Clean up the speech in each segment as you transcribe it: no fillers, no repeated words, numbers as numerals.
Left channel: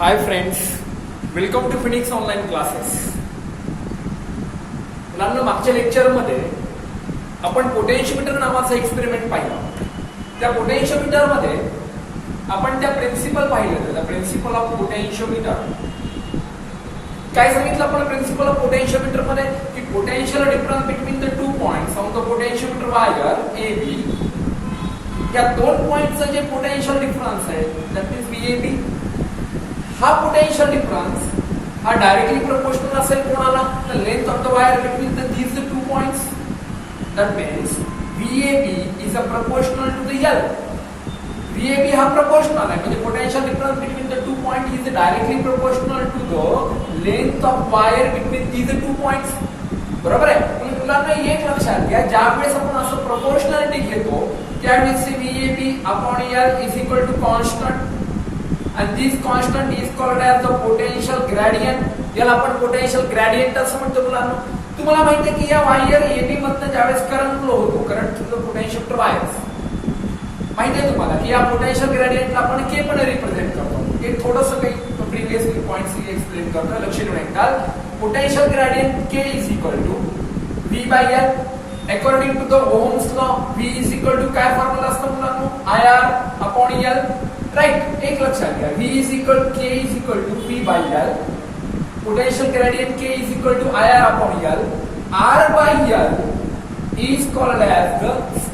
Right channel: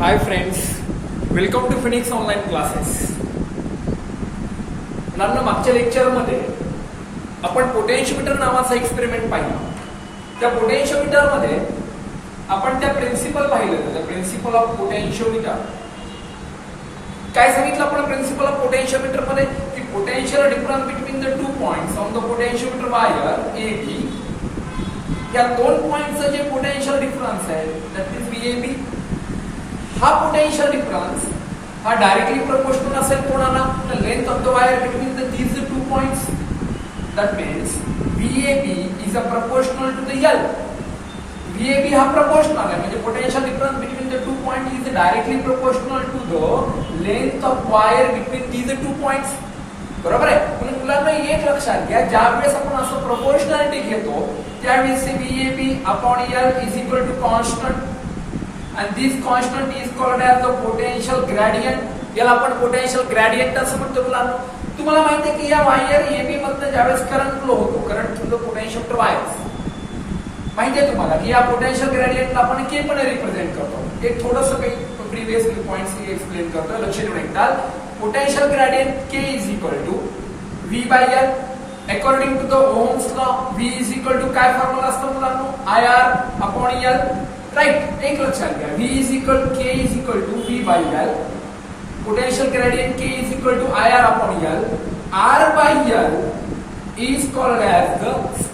High friends, welcome to Phoenix online classes. मुलांना मागच्या लेक्चरमध्ये आपण पोटेन्शियोमीटर नावाचा एक्सपेरिमेंट पाहिला. त्या पोटेन्शियोमीटरमध्ये आपण त्या प्रिन्सिपल पाहिलं, त्या प्रिन्सिपल ऑफ पोटेन्शियोमीटर. काय सांगितलं आपण प्रिन्सिपल ऑफ पोटेन्शियोमीटर मध्ये की potential difference between the two points on the potentiometer wire A B. या दोन पॉइंटचं जे पोटेन्शियल डिफरन्स आहे दॅट इज व्हीएबी. हा पोटेन्शियल डिफरन्स हा डायरेक्टली प्रोपोर्शनल असेल कोणाला, तर length of the wire between these two points. That means V A B is a proportional to the L. V A B हा प्रोपोर्शनल आहे, म्हणजे potential difference between the two point is directly proportional to the length of wire between these two points. बरोबर आहे. पण मुलांना एक लक्षात घ्या, ज्यावेळेस आपण असं प्रोपोर्शनॅलिटी घेतो त्यावेळेस V A B upon L is equal to constant. And this constant is called as the potential gradient. याला आपण पोटेन्शियल ग्रेडियंट असं म्हणतो. मुलांना तुम्हाला माहिती आहे की या वायर एबी मधनं ज्यावेळेस करंट फ्लो होतो, current through the potentiometer wires, माहिती आहे तुम्हाला की या पोटेन्शियल ग्रेडियंटला आपण के पण रिप्रेझेंट करतो. एक थोडंसं काही प्रिव्हियस पॉइंट्स एक्सप्लेन करतो, लक्ष देऊन ऐका. Potential gradient K is equal to V by L. According to the Ohm's law V is equal to काय फॉर्म्युला असतो मुलांना, I R upon L. Right. एक लक्षात घ्या, V is equal K is equal to V by L. Potential gradient K is equal to IR upon L. R by L is called as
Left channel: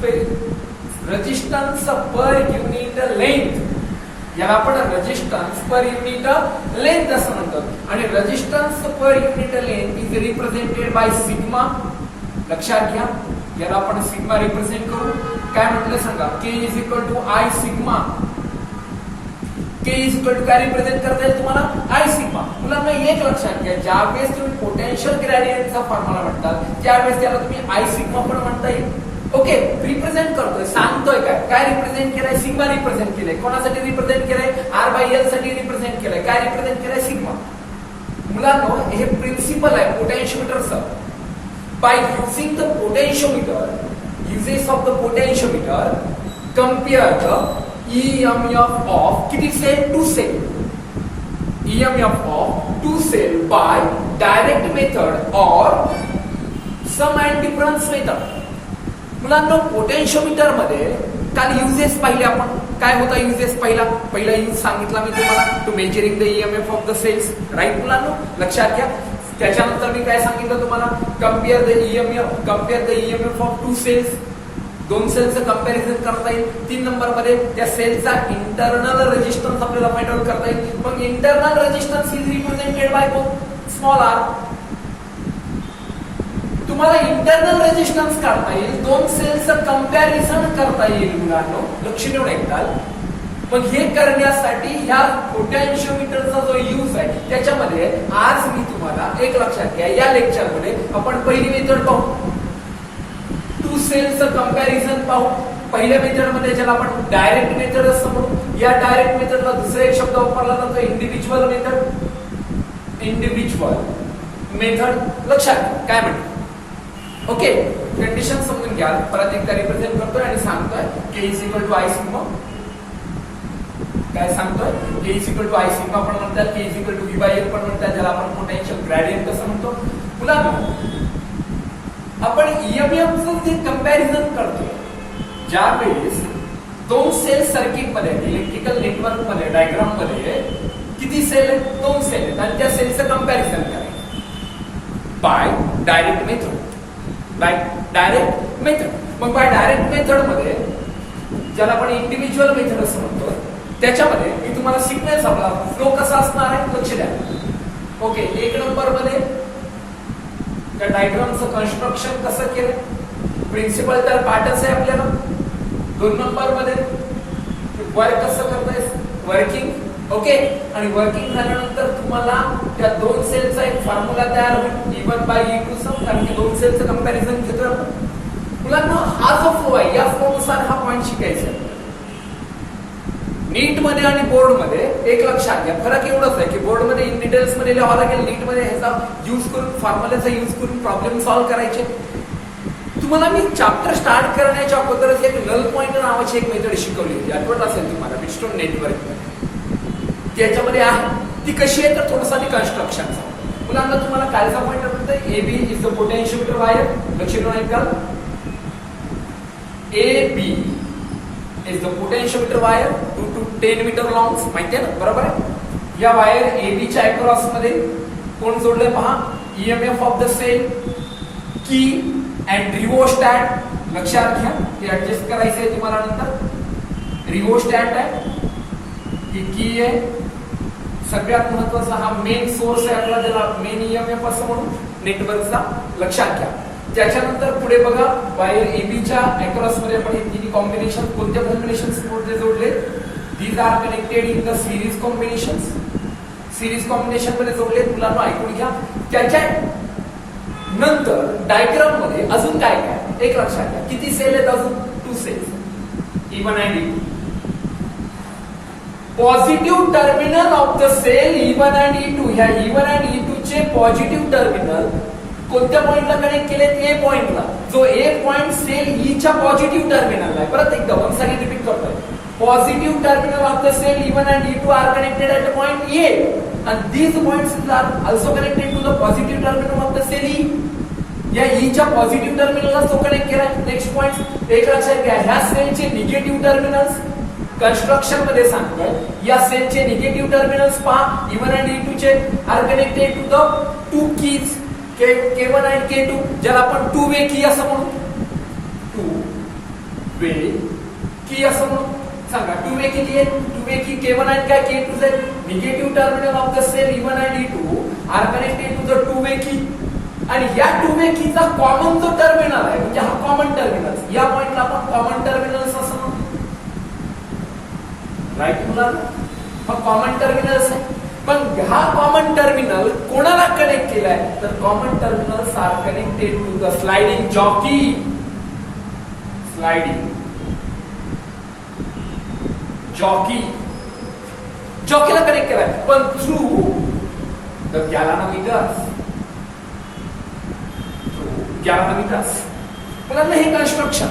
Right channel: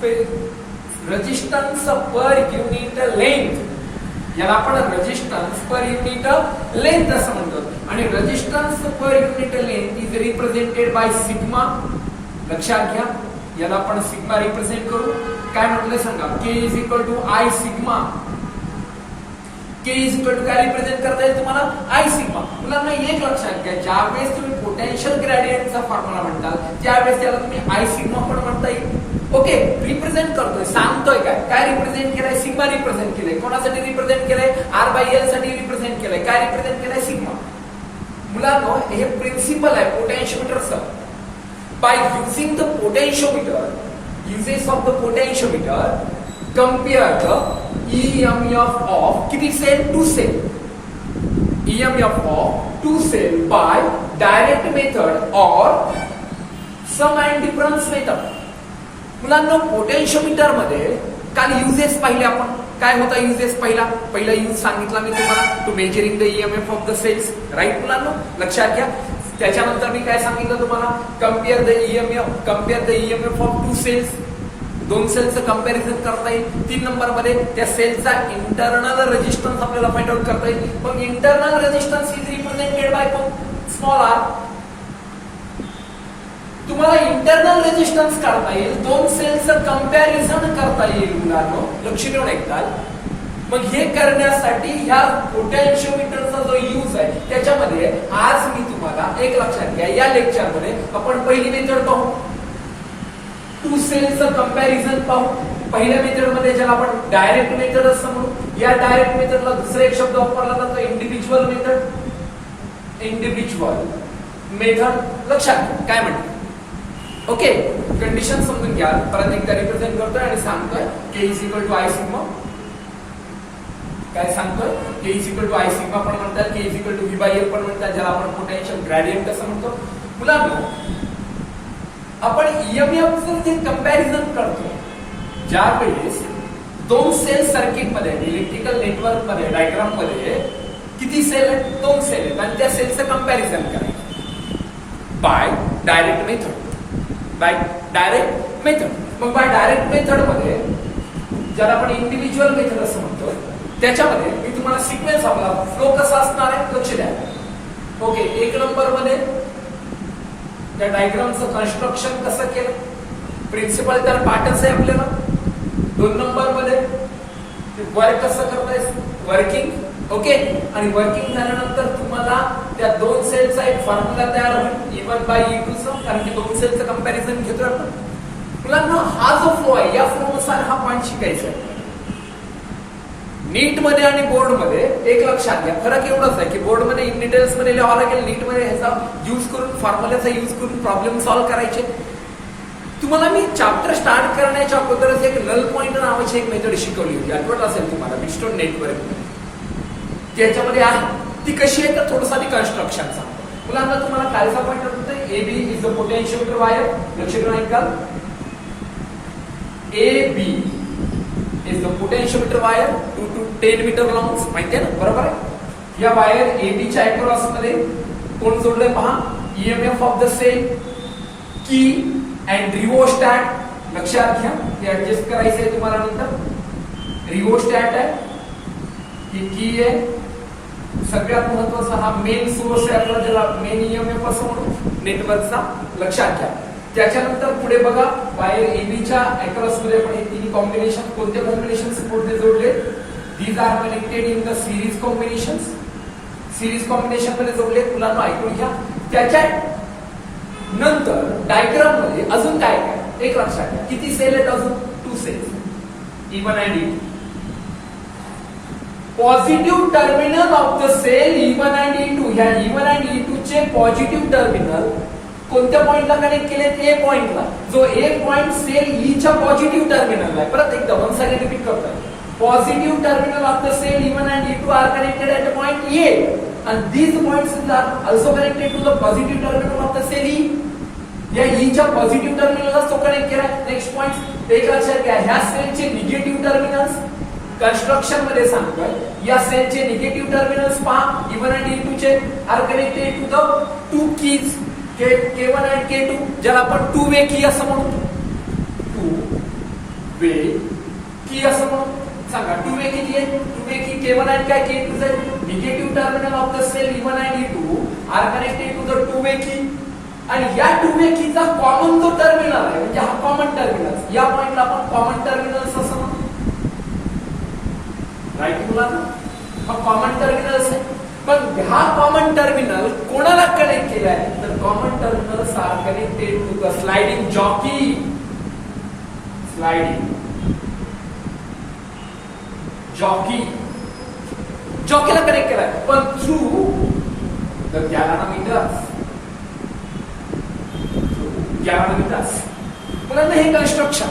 the resistance per unit length. याला आपण resistance per unit length असं म्हणतो. आणि resistance per unit length is represented by sigma. लक्षात घ्या, याला आपण sigma represent करू. काय म्हटलं सांगा, K is equal to I sigma. K is equal to काय रिप्रेझेंट करता येईल तुम्हाला, आय सिग्मा. मुलांना एक लक्षात घ्या, ज्यावेळेस तुम्ही पोटेन्शियल ग्रेडियंटचा फॉर्म्युला म्हणताल त्यावेळेस त्याला तुम्ही आय सिग्मा पण म्हणता येईल. ओके. रिप्रेझेंट करतोय, सांगतोय काय रिप्रेझेंट केलंय, सिग्मा रिप्रेझेंट केलंय. कोणासाठी रिप्रेझेंट केलंय, आर बाय एल साठी रिप्रेझेंट केलंय. काय रिप्रेझेंट केलंय, सिग्मा. मुलांना हे प्रिन्सिपल आहे पोटेन्शियोमीटरचं. By using the potentiometer, uses of the potentiometer, compare the EMF of किती cell, to cell. EMF of two cell by direct method or sum and difference method. मुलांना potentiometer मध्ये काल uses पाहिले आपण. काय होता युजेस, पहिला यूज सांगितला मी तुम्हाला, to measuring the EMF of the cells. Right मुलांना, लक्षात घ्या. त्याच्यानंतर मी काय सांगितलं तुम्हाला, compare the EMF of two cells. दोन सेलचं कंपॅरिझन करता येईल. 3 नंबर मध्ये त्या सेलचा इंटरनल रेजिस्टन्स आपल्याला फाइंड आउट करता येईल. पण internal resistance is represented by small R. तुम्हाला इंटरनल रेजिस्टन्स काढता येईल, दोन सेलचं कंपॅरिझन करता येईल. मुलांनो लक्ष देऊन ऐकताल. मग हे करण्यासाठी ह्या पोटेन्शियोमीटरचा जो यूज आहे त्याच्यामध्ये आज मी तुम्हाला एक लक्षात घ्या, या लेक्चरमध्ये आपण पहिली मेथड पाहू, टू सेलचं कंपॅरिझन पाहू. पहिल्या मेथड मध्ये ज्याला आपण डायरेक्ट मेथड असं म्हणू. या डायरेक्ट मेथडला दुसरा एक शब्द वापरला जातो, इंडिव्हिज्युअल मेथड. इंडिव्हिज्युअल मेथड लक्षात काय म्हणते. ओके. कंडिशन समजून घ्या. परत एकदा रिप्रेझेंट करतोय आणि सांगतोय K is equal to I sigma. काय सांगतोय, K is equal to I sigma पण म्हणतात, K is equal to V by L पण म्हणतात, ज्याला आपण पोटेन्शियल ग्रेडियंट असं म्हणतो. मुलांना आपण ईएमएफचं जे कंपॅरिझन करतो, ज्यावेळेस दोन सेल सर्किट मध्ये, इलेक्ट्रिकल नेटवर्क मध्ये, डायग्राम मध्ये किती सेल आहेत, दोन सेल आहेत, आणि त्या सेलचं कंपॅरिझन करायचं बाय डायरेक्ट मेथड. मग बाय डायरेक्ट मेथड मध्ये ज्याला आपण इंडिव्हिज्युअल मेथड असं म्हणतोय, त्याच्यामध्ये मी तुम्हाला सिग्नल फ्लो कसा असणार आहे लक्ष द्या. ओके. 1 नंबर मध्ये त्या डायग्रामचं कन्स्ट्रक्शन कसं केलं, प्रिन्सिपल तर पाठच आहे आपल्याला. 2 नंबर मध्ये वर्क कसं करताय, वर्किंग. ओके. आणि वर्किंग झाल्यानंतर तुम्हाला त्या दोन सेलचा एक फॉर्म्युला तयार होईल, E1 बाय E2 चा, कारण की दोन सेलचं कंपॅरिझन घेतोय आपण. मुलांना हा जो फ्लो आहे, या फ्लो नुसार हा पॉइंट शिकायचा आहे. नीट मध्ये आणि बोर्ड मध्ये एक लक्षात घ्या, फरक एवढाच आहे की बोर्ड मध्ये इन डिटेल्स मध्ये लिहावं लागेल, नीट मध्ये ह्याचा यूज करून, फॉर्म्युलाचा यूज करून प्रॉब्लेम सॉल्व्ह करायचे. तुम्हाला मी चॅप्टर स्टार्ट करण्याच्या अगोदरच एक नल पॉइंट नावाची एक मेथड शिकवली होती, आठवत असेल तुम्हाला, बिटस्टोन नेटवर्क मध्ये. त्याच्यामध्ये आहे ती कशी आहे तर थोडंसं ती कन्स्ट्रक्शन सांगतो. मुलांना तुम्हाला कालचा पॉईंट म्हणतोय A B is the potentiometer wire. लक्ष देऊन ऐकाल. A B is the potentiometer wire 2 to 10 meter long. माहितीये ना, बरोबर आहे. या वायर ए बी च्या अक्रॉस मध्ये कोण जोडलंय पहा. ईएमएफ ऑफ द सेल, की अँड रिओस्टॅट. लक्षात घ्या, हे ऍडजस्ट करायचं आहे तुम्हाला नंतर. रिओस्टॅट आहे, ही की आहे. सगळ्यात महत्वाचा हा मेन सोर्स आहे आपला, ज्याला मेन ईएमएफ असं म्हणून नेटवर्कचा. लक्षात घ्या. त्याच्यानंतर पुढे बघा, वायर एबीच्या अक्रॉस मध्ये आपण हे तिन्ही कॉम्बिनेशन, कोणत्या कॉम्बिनेशन मध्ये जोडले. These are connected in the series combination. Series combination मध्ये जोडले. मुलांना ऐकून घ्या. त्याच्या नंतर डायग्राम मध्ये अजून काय काय एक लक्षात घ्या. किती सेल आहेत अजून. 2 cells, E1 and E2. Positive terminal of the cell E1 and E2. ह्या E1 and E2 चे पॉझिटिव्ह टर्मिनल कोणत्या पॉइंटला कनेक्ट केलेत. ए पॉइंटला. जो ए पॉइंट सेल ई च्या पॉझिटिव्ह टर्मिनल आहे. परत एकदा वन्स अगेन रिपीट करतोय. Positive terminal of the cell E1 and E2 are connected at the point A, and these points are also connected to the positive terminal of the cell E. या E च्या positive टर्मिनलला तो connect केलाय. Next point एक लक्षात घ्या. ह्या सेलचे निगेटिव्ह टर्मिनल्स कन्स्ट्रक्शन मध्ये सांगतोय. या सेलचे निगेटिव्ह टर्मिनल्स पहा. E1 and E2 चे are connected to the 2 keys, K1 and K2, ज्याला आपण 2 वे की असं म्हणू. 2 वे की असं म्हणू. सांगा 2 वे किती आहे. 2 वे की K1 and काय K2 आहे. Negative terminal of the cell E1 and E2 are connected to the 2 way key. आणि या 2 वे कीचा कॉमन जो टर्मिनल आहे, म्हणजे हा कॉमन टर्मिनल, या पॉइंटला आपण कॉमन टर्मिनल्स असं म्हणू. राईट मुलांना, हा कॉमन टर्मिनल्स आहे. पण हा कॉमन टर्मिनल कोणाला कनेक्ट केलाय तर common terminals are connected to the sliding jockey. Sliding jockey, जॉकीला कनेक्ट केलाय, पण थ्रू द गॅलॅनोमीटर्स. गॅलॅनोमीटर्स. मुलांना हे कन्स्ट्रक्शन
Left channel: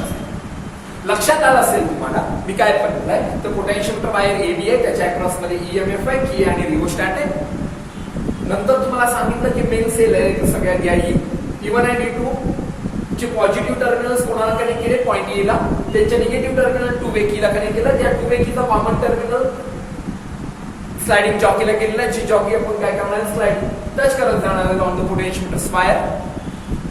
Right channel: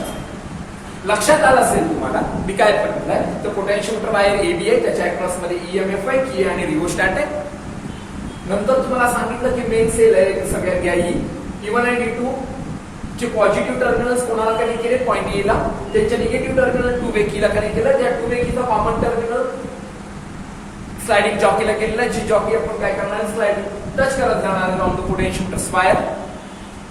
लक्षात आलं असेल तुम्हाला. मी काय पडलंय तर पोटेन्शियोमीटर वायर एबी आहे, त्याच्या अक्रॉस मध्ये ईएमएफ आहे, की आणि रिओस्टॅट आहे. नंतर तुम्हाला सांगितलं की मेन सेल आहे सगळ्या घ्या. E1 and E2 चे पॉझिटिव्ह टर्मिनल्स कोणाला कनेक्ट केले. पॉइंट ए ला. त्यांच्या निगेटिव्ह टर्मिनल 2 वे कीला कनेक्ट केलं. त्या 2 वे कीचा कॉमन टर्मिनल स्लाइडिंग जॉकीला केलेला. जी जॉकी आपण काय करणार, स्लाइडिंग टच करत जाणार ऑन द पोटेन्शियोमीटर वायर.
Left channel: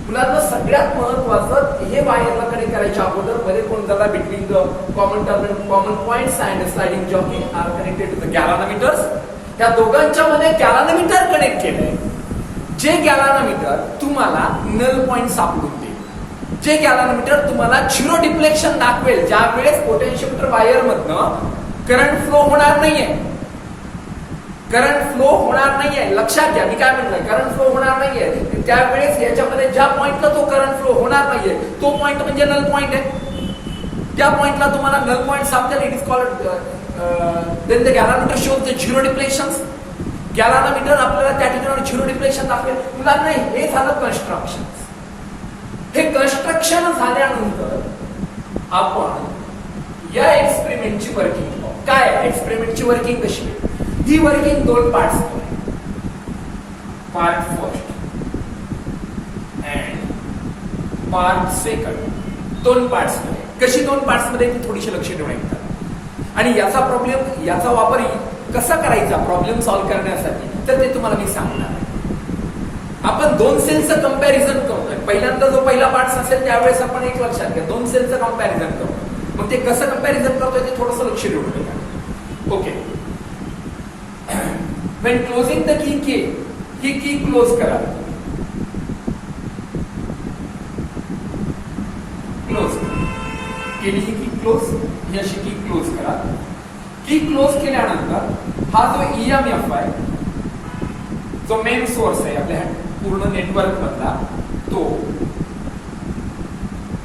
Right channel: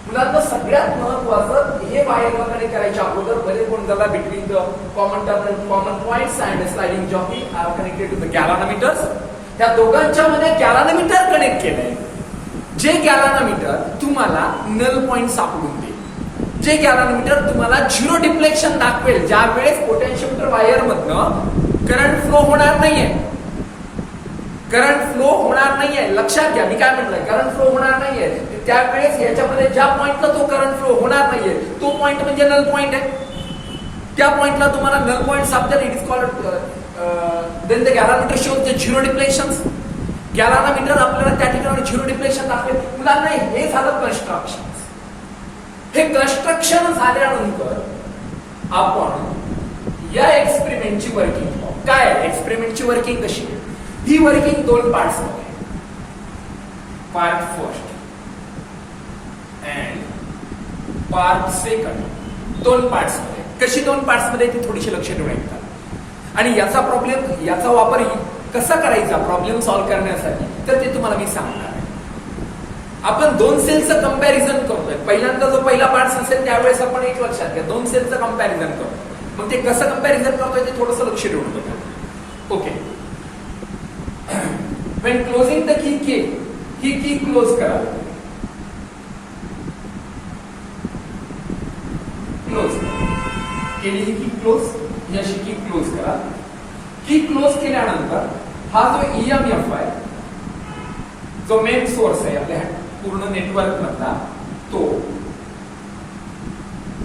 मुलांना सगळ्यात महत्वाचं, हे वायरला कनेक्ट करायच्या अगोदर मध्ये कोण झाला between the common terminal, common points and sliding jockey are connected to the galvanometers. त्या दोघांच्या मध्ये गॅलॅनोमीटर कनेक्ट केलंय. जे गॅलॅनोमीटर तुम्हाला नल पॉइंट सापडून देईल. जे गॅलॅनोमीटर तुम्हाला झिरो डिफ्लेक्शन दाखवेल, ज्या वेळेस पोटेन्शियोमीटर वायर मधनं करंट फ्लो होणार नाहीये. करंट फ्लो होणार नाहीये. लक्षात घ्या, मी काय म्हटलंय, करंट फ्लो होणार नाहीये. त्यावेळेस याच्यामध्ये ज्या पॉइंटला तो करंट फ्लो होणार नाहीये तो पॉइंट म्हणजे नल पॉइंट आहे. त्या पॉइंटला तुम्हाला नल पॉइंट सापडेल. It is called then the galvanometer shows the zero deflection. Galvanometer आपल्याला त्या ठिकाणी झिरो डिफ्लेक्शन दाखवेल. मुलांना हे झालं कन्स्ट्रक्शन. हे कन्स्ट्रक्शन झाल्यानंतर आपण या एक्सपेरिमेंटची वर्किंग पाहू. काय एक्सपेरिमेंटची वर्किंग कशी. ही working 2 parts. Part first and part second. 2 parts मध्ये. कशी 2 पार्ट्स मध्ये ती थोडीशी लक्ष ठेवून ऐकतात. आणि याचा प्रॉब्लेम, याचा वापर कसा करायचा प्रॉब्लेम सॉल्व्ह करण्यासाठी तर ते तुम्हाला मी सांगणार आहे. आपण 2 सेलचं कंपॅरिझन करतोय. पहिल्यांदा जो पहिला पार्ट असेल त्यावेळेस आपण एक लक्षात घ्या, 2 सेलचं कंपॅरिझन करतो. मग ते कसं कंपॅरिझन करतोय ते थोडंसं लक्ष ठेवून बघा. Okay. when closing the key K, ही की क्लोज करा. क्लोज केली ही की क्लोज, ही अशी की क्लोज करा. की क्लोज केल्यानंतर हा जो ईएमएफ आहे, जो मेन सोर्स आहे आपल्या पूर्ण नेटवर्क मधला, तो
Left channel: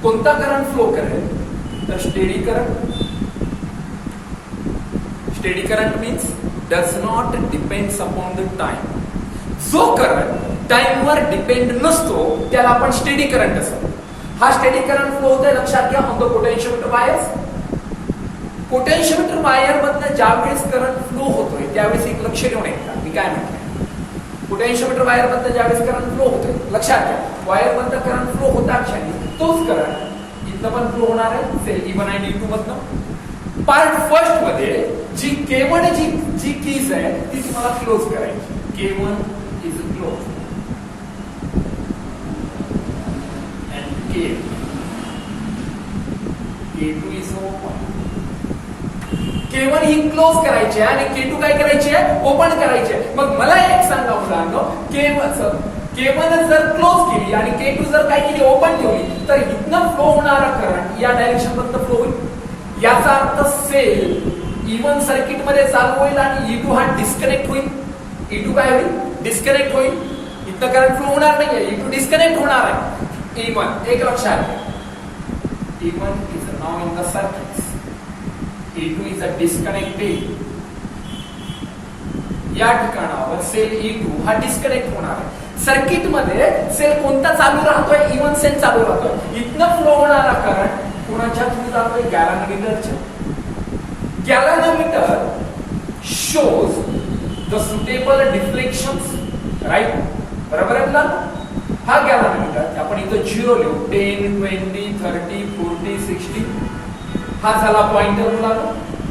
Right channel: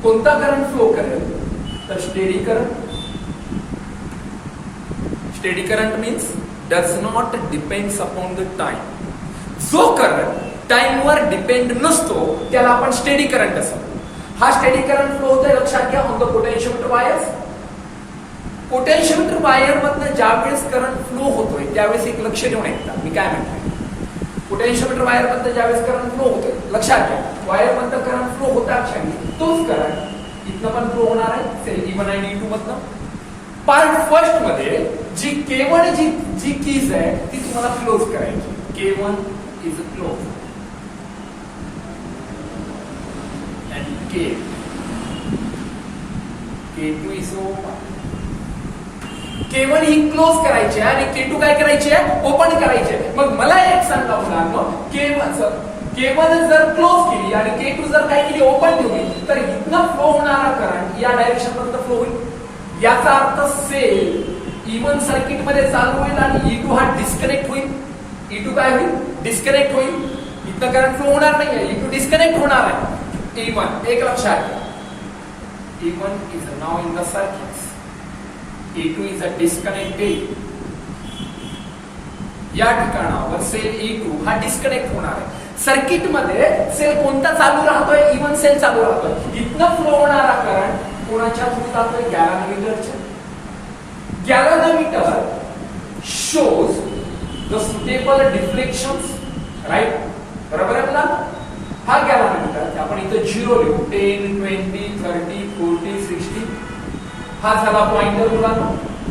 कोणता करंट फ्लो करेल तर steady current. Steady current means does not depends upon the time. जो करंट टाइमवर डिपेंड नसतो त्याला आपण स्टेडी करंट असं. हा स्टेडी करंट फ्लो होतोय लक्षात घ्या on the potentiometer wires. Potentiometer wire मधनं ज्यावेळेस करंट फ्लो होतोय त्यावेळेस एक लक्ष देऊन ऐका मी काय म्हणतोय. पोटेन्शियोमीटर वायर मधनं ज्यावेळेस करंट फ्लो होतोय लक्षात घ्या, वायर मधनं करंट फ्लो होता क्षणी तोच करंट इथनं पण फ्लो होणार आहे सेल E1 आणि E2 मधनं. पार्ट फर्स्ट मध्ये जी K1 जी कीज आहे ती तुम्हाला क्लोज करायची. K1 is close and K2 is open. K1 he close करायची आहे आणि K2 काय करायची आहे, ओपन करायची आहे. मग मला एक सांगा मुलांनो, K1 जर क्लोज केली आणि K2 जर काय केली, ओपन ठेवली, तर इथनं फ्लो होणारा करंट या डायरेक्शन मधनं फ्लो होईल. याचा अर्थ सेल E1 सर्किट मध्ये चालू होईल आणि E2 हा डिस्कनेक्ट होईल. E2 काय होईल, डिस्कनेक्ट होईल. इथनं करंट फ्लो होणार नाहीये, E2 डिस्कनेक्ट होणार आहे. E1 एक लक्षात, E1 is now in the circuit, E2 is a disconnected. या ठिकाणावर सेल E2 हा डिस्कनेक्ट होणार आहे. सर्किट मध्ये सेल कोणता चालू राहतोय, E1 सेल चालू राहतोय. इथनं फ्लो होणारा करंट कोणाच्या थ्रू जातोय, गॅलॅनोमीटरच्या. गॅलॅनोमीटर शोज द सुटेबल डिफ्लेक्शन्स, राईट, बरोबर आहे ना. हा गॅलॅनोमीटर आपण इथं 0 लिहू, 10, 20, 30, 40, 60. हा झाला पॉइंटर मुलांनो.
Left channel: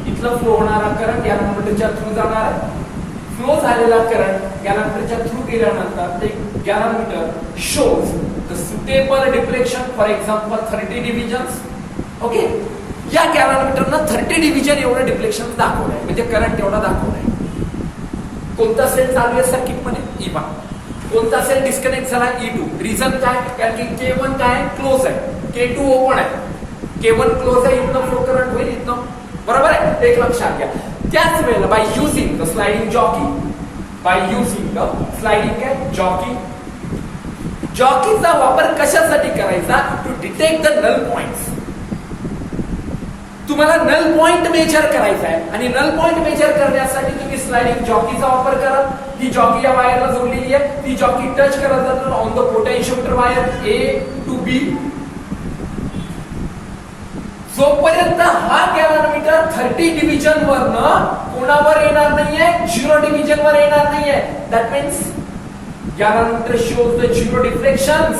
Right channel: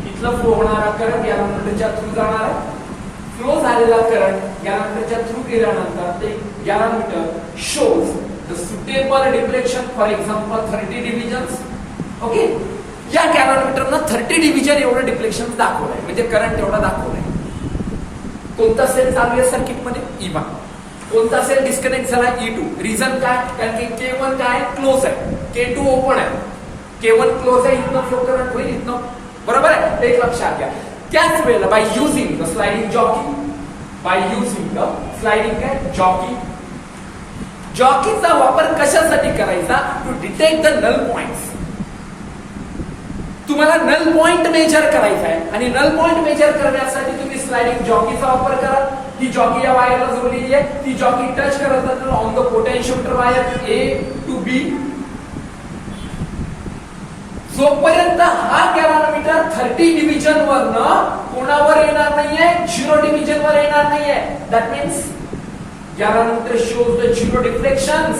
इथलं फ्लो होणारा करंट गॅलॅनोमीटरच्या थ्रू जाणार आहे. फ्लो झालेला करंट गॅलॅनोमीटरच्या थ्रू गेल्यानंतर ते galvanometer shows the suitable deflection, for example 30 divisions. Okay, या गॅलॅनोमीटरनं 30 डिव्हिजन एवढं डिफ्लेक्शन दाखवलंय, म्हणजे करंट एवढा दाखवलाय. कोणता सेल चालू आहे सर्किट मध्ये, E1. कोणता सेल डिस्कनेक्ट झाला, E2. रिझन काय, कारण की K1 काय क्लोज आहे, K2 ओपन आहे. K1 क्लोज आहे, इथनं फ्लो करंट होईल इथनं, बरोबर आहे, एक लक्षात घ्या. त्याच वेळेला by using the sliding jockey, जॉकीचा वापर कशासाठी करायचा, to detect the null points. तुम्हाला नल पॉइंट मेजर करायचा आहे आणि नल पॉइंट मेजर करण्यासाठी तुम्ही स्लाइडिंग जॉकीचा वापर करा. ही जॉकी या वायरला जोडलेली आहे, ती जॉकी टच करत जातो on the potentiometer wire A to B. जोपर्यंत हा गॅलॅनोमीटर 30 डिव्हिजन वरनं कोणावर येणार नाहीये, 0 डिव्हिजन वर येणार नाहीये. That means galvanometer shows the 0 deflections.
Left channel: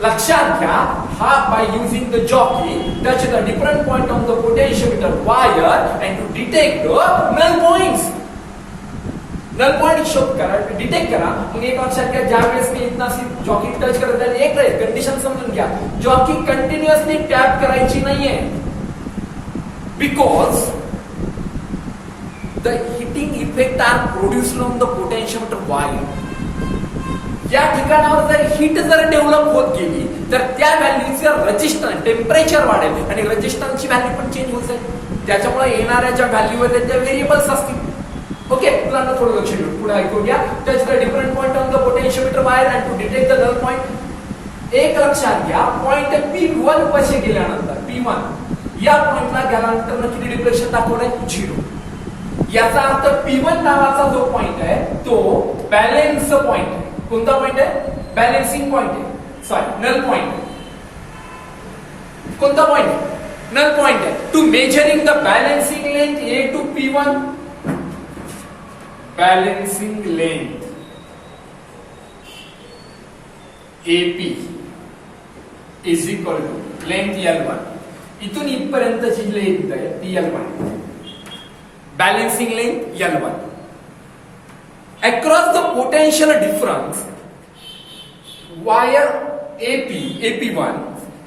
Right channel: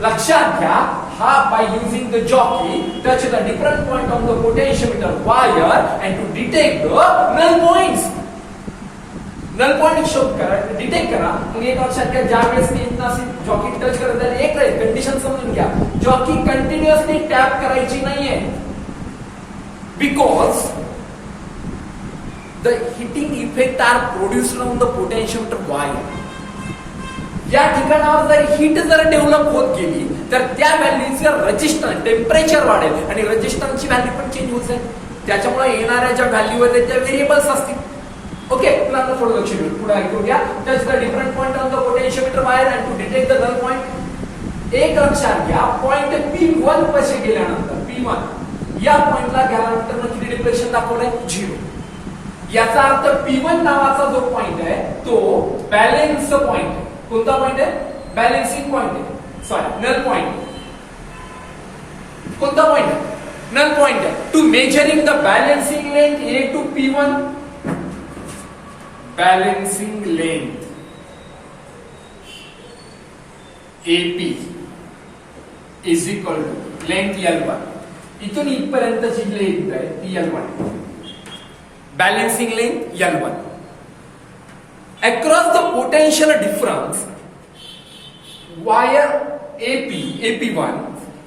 लक्षात घ्या, हा by using the jockey touch the different point on the potentiometer wire and to detect the null points. Null point शोध करा, डिटेक्ट करा. मग एक लक्षात घ्या, ज्या वेळेस मी इथनं अशी जॉकी टच करत आहे, एक कंडिशन समजून घ्या, जॉकी कंटिन्युअसली टॅप करायची नाहीये, because the heating effect are produced on the potentiometer wire. या ठिकाणावर जर हीट जर डेव्हलप होत गेली तर त्या व्हॅल्यूचं रेजिस्टन्स, टेम्परेचर वाढेल आणि रेजिस्टन्सची व्हॅल्यू पण चेंज होत जाईल. त्याच्यामुळे येणाऱ्या ज्या व्हॅल्यू आहेत त्या व्हेरिएबल्स असतील. ओके, मुलांना थोडं लक्ष देऊन पुढे ऐकून घ्या. Touch the different point on the potentiometer wire and to detect the null point. एक लक्षात घ्या, पॉइंट P1 पाशी गेल्यानंतर P1 या पॉइंटला गॅलॅनोमीटरनं किती डिफ्लेक्शन दाखवलंय, 0. याचा अर्थ P1 नावाचा जो पॉइंट आहे तो बॅलेन्स पॉइंट आहे. कोणता पॉइंट आहे, बॅलेन्सिंग पॉइंट आहे, सॉरी नल पॉइंट. कोणता पॉइंट आहे, नल पॉइंट आहे. To measuring the balancing length A to P1, balancing length AP is equal to length L1. इथून इथपर्यंतची लेंथ आहे ती L1, balancing length L1. Across the potential difference wire AP1,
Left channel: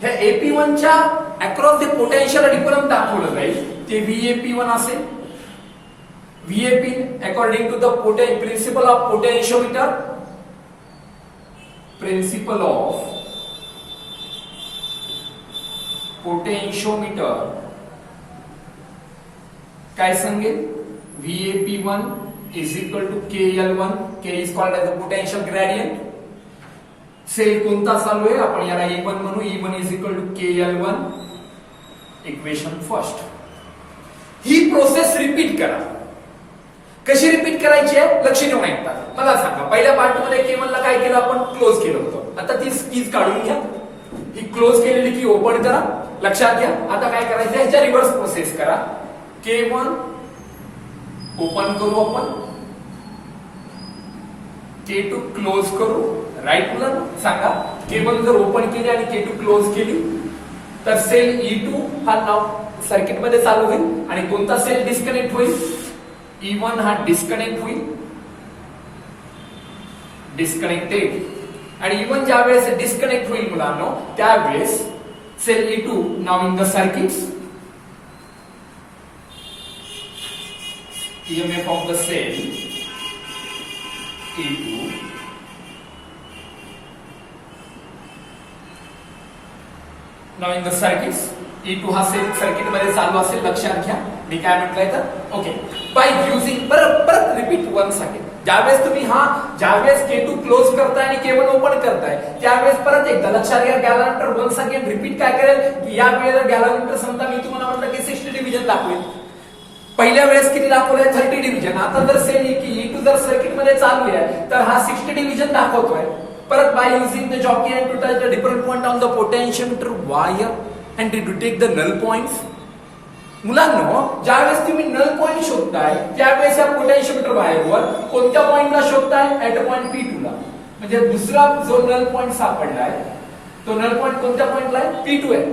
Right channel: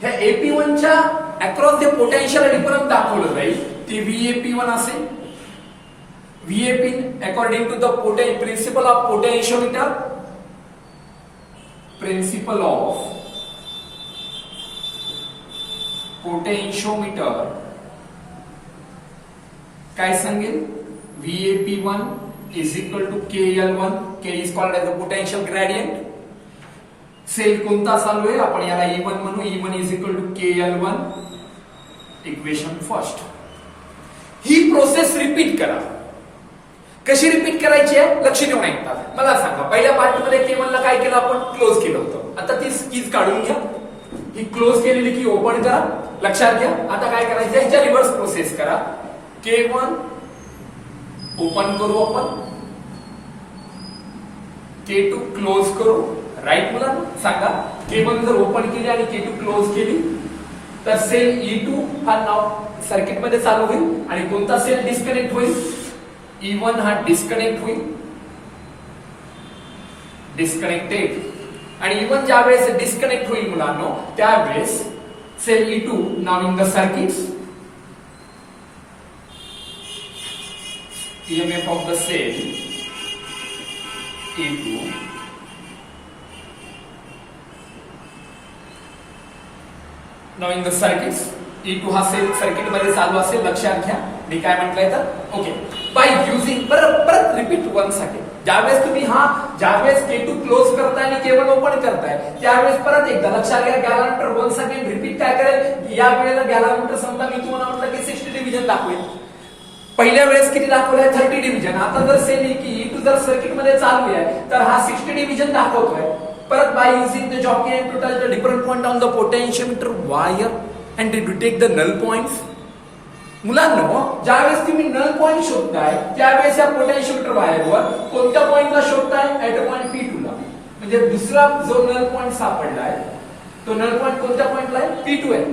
ह्या AP1 च्या across the potential difference दाखवलं जाईल, ते VAP1 असेल. VAP according to the principle of potentiometer, principle of potentiometer काय सांगेल, VAP1 is equal to KL1. K is called as the potential gradient. Cell कोणता चालू आहे, आपण याला E1 म्हणू. E1 is equal to KL1. Equation first. He process repeat करा. कशी रिपीट करायची आहे, लक्ष देऊन ऐकता. मला सांगा, पहिल्या पार्ट मध्ये K1 ला काय केलं, आपण क्लोज केलं होतं. आता ती कीज काढून घ्या. ही क्लोज केलेली की ओपन करा. लक्षात घ्या. आता काय करायचं, ह्याच्या रिव्हर्स प्रोसेस करा. K1 ओपन करू आपण, K2 क्लोज करू. राईट मुलांना सांगा, K1 जर ओपन केली आणि K2 क्लोज केली तर सेल E2 हा नाव सर्किट मध्ये चालू होईल आणि कोणता सेल डिस्कनेक्ट होईल, E1 हा डिस्कनेक्ट होईल, डिस्कनेक्टेड. आणि E1 ज्या वेळेस डिस्कनेक्ट होईल मुलांनो, त्यावेळेस cell E2 now in the circuit, EMF of the cell E2 now in the circuits E2 हा सेल सर्किट मध्ये चालू असेल. लक्षात घ्या मी काय म्हटलंय तर. ओके, बाय युझिंग, परत रिपीट वन्स अगेन. ज्यावेळेस तुम्ही ज्यावेळेस K2 क्लोज करताय आणि K1 ओपन करताय त्यावेळेस परत एकदा लक्षात घ्या, गॅलव्हॅनोमीटर वन्स अगेन रिपीट काय करेल, या वेळेला गॅलव्हॅनोमीटर समजा मी तुम्हाला म्हटलं की 60 डिव्हिजन दाखवेल. पहिल्या वेळेस किती दाखवलंय, 30 डिव्हिजन. आता जर सेल E2 जर सर्किट मध्ये चालू आहे तर हा 60 डिव्हिजन दाखवतोय. परत by using the jockey and to touch the different point on the potentiometer wire and to take the null points. मुलांनो, ज्यावेळेस तुम्ही नल पॉइंट शोधताय त्यावेळेस या पोटेन्शियोमीटर वायरवर कोणत्या पॉइंटला शोधताय, ऍट पॉइंट P2 ला. म्हणजे दुसरा जो नल पॉइंट सापडलाय तो नल पॉइंट कोणत्या पॉइंटला आहे, P2 आहे.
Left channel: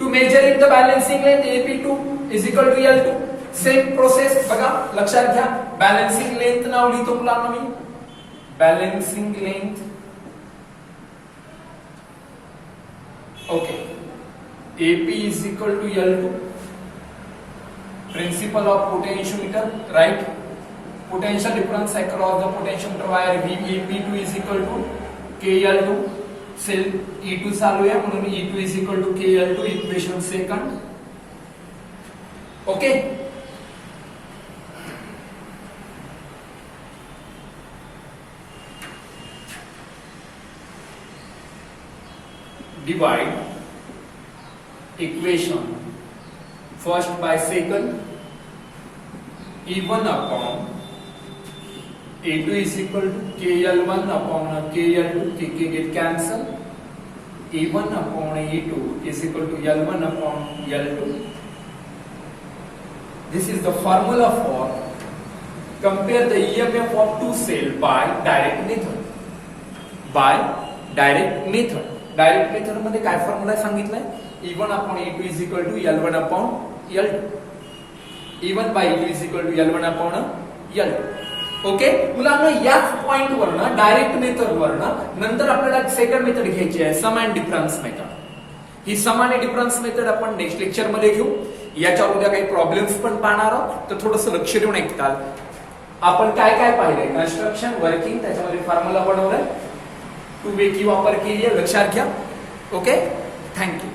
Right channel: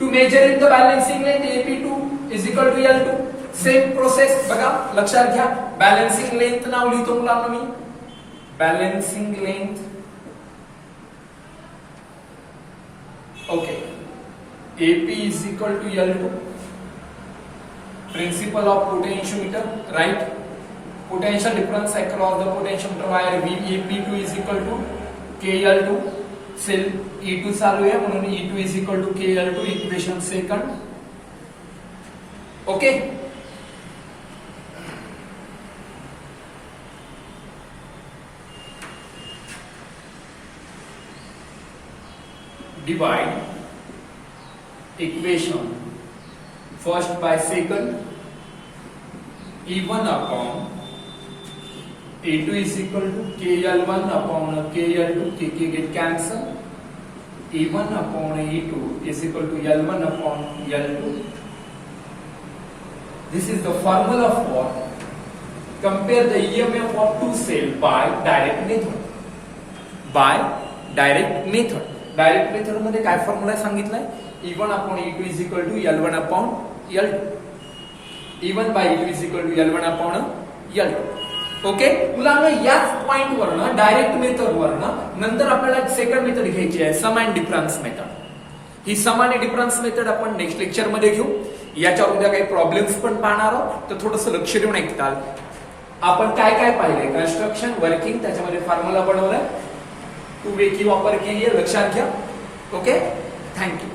To measure it the balancing length AP2 is equal to L2. Same process बघा, लक्षात घ्या. बॅलन्सिंग लेंथ नाव लिहितो मुलांना मी, balancing length. Okay, AP is equal to L2. Principle of potentiometer, right? Potential difference across the potentiometer wire VP2 is equal to KL2. Cell E2 चालू आहे म्हणून E2 is equal to KL2. Equation second. Okay, divide equation first by second. E1 upon A2 is equal to KL1 upon KL2. K get cancel. E1 upon E2 is equal to L1 upon L2. This is the formula for compare the EMF of two cell by direct method. By direct method. Direct method मध्ये काय formula सांगितलाय, E1 upon E2 is equal to L1 upon L2. E1 by E2 is equal to L1 upon L2. Okay मुलांना, याच point वरनं direct method वरनं नंतर आपल्याला एक second method घ्यायची आहे, सम अँड डिफरन्स मेथड. ही सम आणि डिफरन्स मेथड आपण नेक्स्ट लेक्चर मध्ये घेऊ. याच्या उद्या काही प्रॉब्लेम्स पण पाहणार आहोत, तर थोडंसं लक्ष देऊन ऐकताल. आपण काय काय पाहिलंय, कन्स्ट्रक्शन, वर्किंग, त्याच्यामध्ये फॉर्म्युला बनवलाय, टू वे की वापर केली आहे, लक्षात घ्या. Okay, thank you.